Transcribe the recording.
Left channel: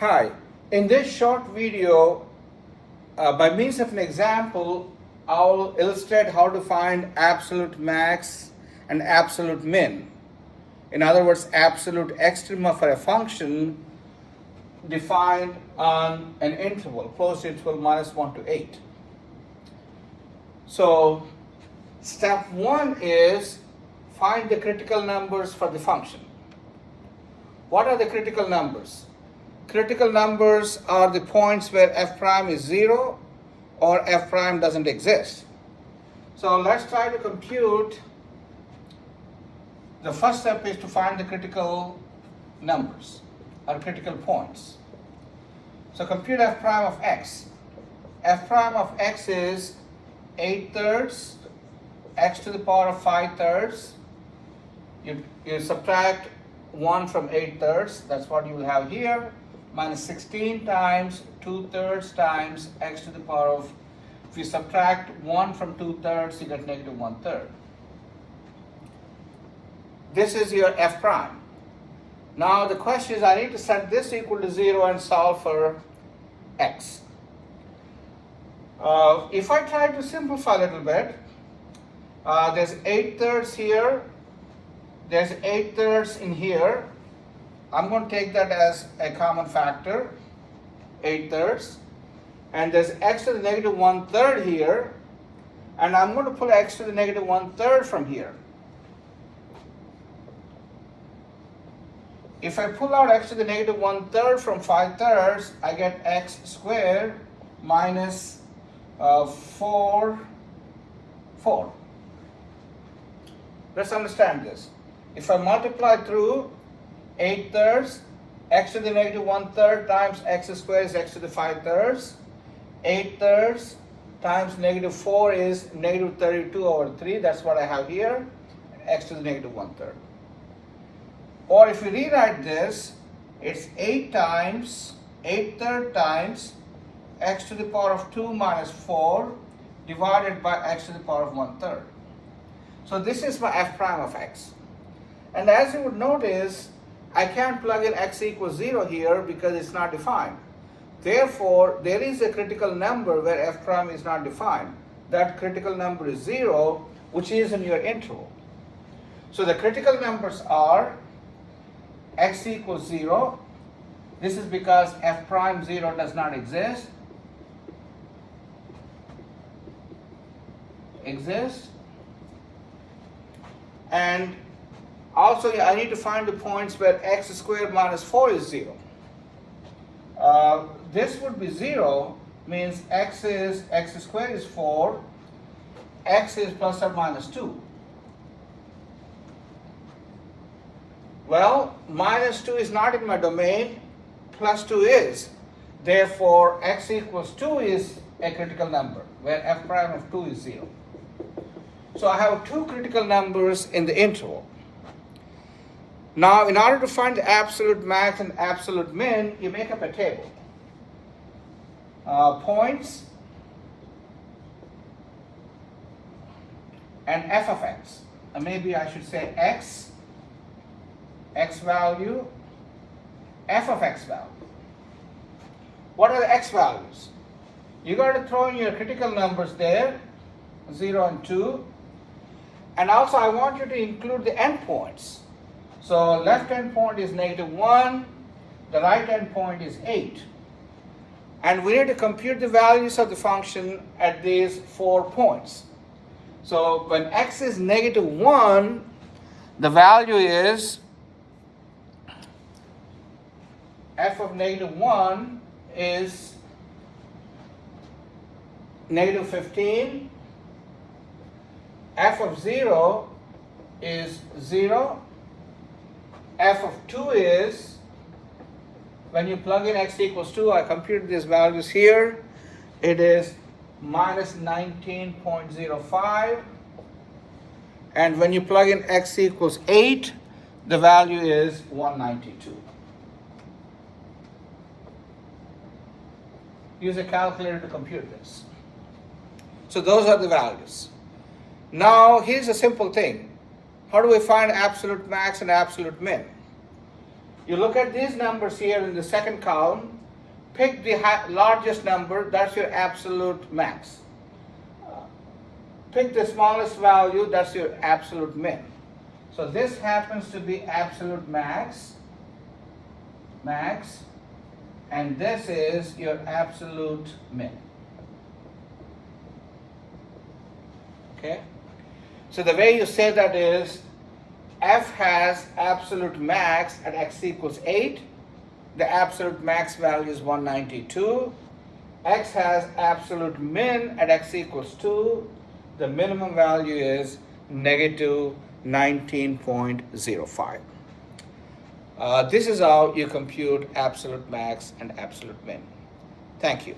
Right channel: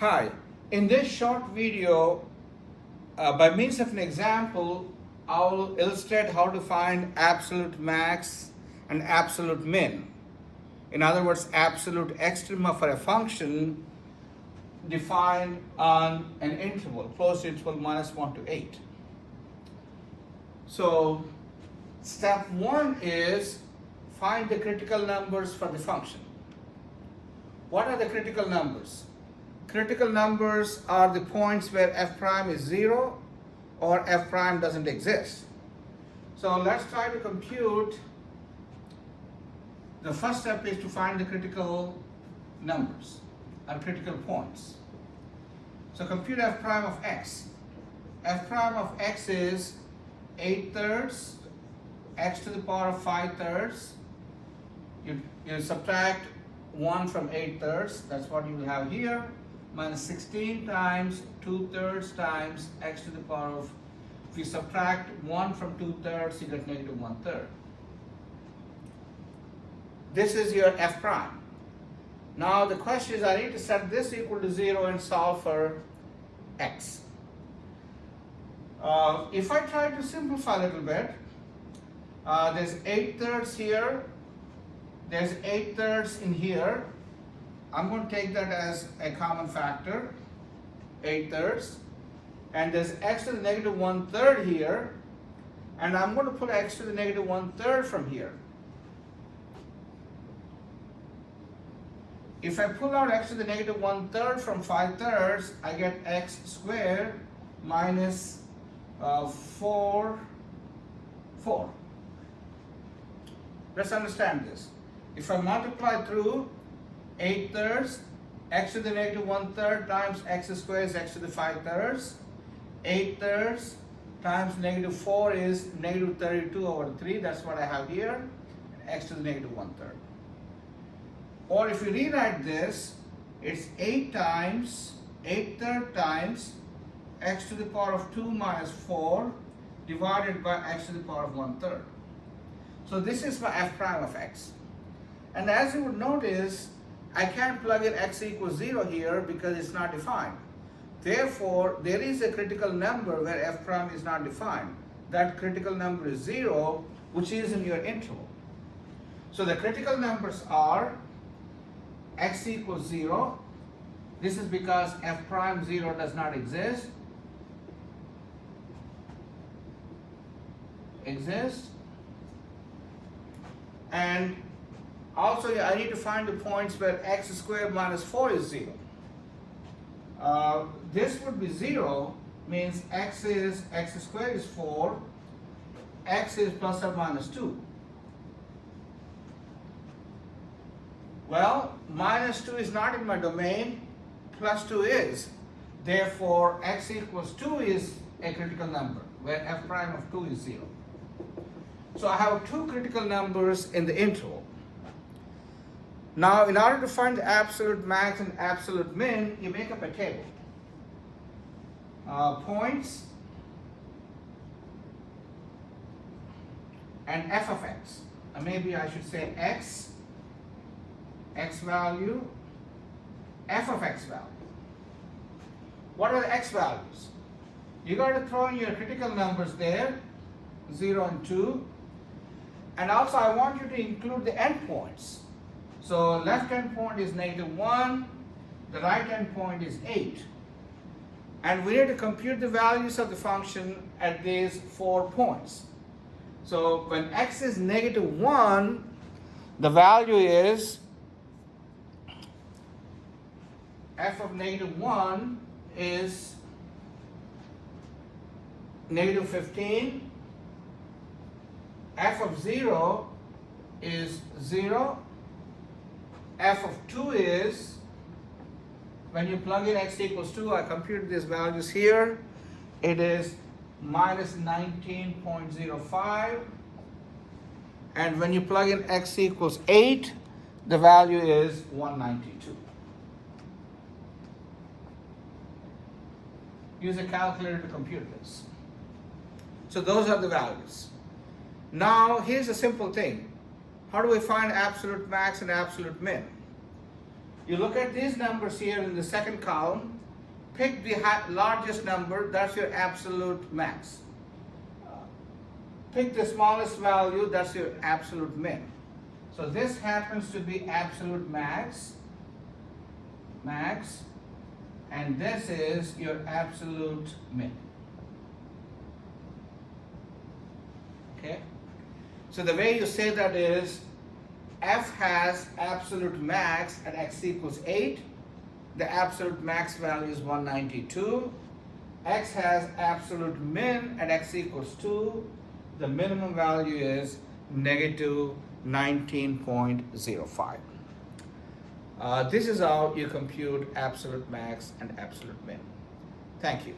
Hi, in this short video, by means of an example, I'll illustrate how to find absolute max and absolute min. In other words, absolute extrema for a function defined on an interval, closed interval -1 to 8. So, step 1 is find the critical numbers for the function. What are the critical numbers? Critical numbers are the points where f prime is 0 or f prime doesn't exist. So let's try to compute. The first step is to find the critical numbers or critical points. So compute f prime of x. F prime of x is 8/3 x to the power of 5/3. You subtract 1 from 8/3, that's what you will have here, minus 16 times 2/3 times x to the power of, if you subtract 1 from 2/3, you get -1/3. This is your f prime. Now the question is, I need to set this equal to 0 and solve for x. If I try to simplify a little bit, there's 8/3 here, there's 8/3 in here. I'm going to take that as a common factor, 8/3, and there's x to the -1/3 here, and I'm going to pull x to the -1/3 from here. If I pull out x to the -1/3 from 5/3, I get x squared minus 4. Let's understand this. If I multiply through 8/3, x to the -1/3 times x squared is x to the 5/3. 8/3 times -4 is -32/3. That's what I have here. X to the -1/3. Or if you rewrite this, it's 8 times 8/3 times x to the power of 2 minus 4 divided by x to the power of 1/3. So this is my f prime of x. And as you would notice, I can't plug in x equals 0 here because it's not defined. Therefore, there is a critical number where f prime is not defined. That critical number is 0, which is in your interval. So the critical numbers are x equals 0. This is because f prime 0 does not exist. And also, I need to find the points where x squared minus 4 is 0. This would be 0, means x squared is 4, x is plus or minus 2. Well, minus 2 is not in my domain, plus 2 is. Therefore, x equals 2 is a critical number, where f prime of 2 is 0. So I have two critical numbers in the interval. Now, in order to find the absolute max and absolute min, you make up a table. Points and f of x. Maybe I should say x value, f of x value. What are the x values? You got to throw in your critical numbers there, 0 and 2. And also I want you to include the endpoints. So left endpoint is -1, the right endpoint is 8. And we need to compute the values of the function at these 4 points. So when x is -1, the value is f of -1 is -15. F of 0 is 0. F of 2 is, when you plug in x equals 2, I computed these values here, it is minus 19.05. And when you plug in x equals 8, the value is 192. Use a calculator to compute this. So those are the values. Now, here's a simple thing. How do we find absolute max and absolute min? You look at these numbers here in the second column, pick the largest number, that's your absolute max. Pick the smallest value, that's your absolute min. So this happens to be absolute max, and this is your absolute min. Okay? So the way you say that is, f has absolute max at x equals 8. The absolute max value is 192. X has absolute min at x equals 2. The minimum value is negative 19.05. This is how you compute absolute max and absolute min. Thank you.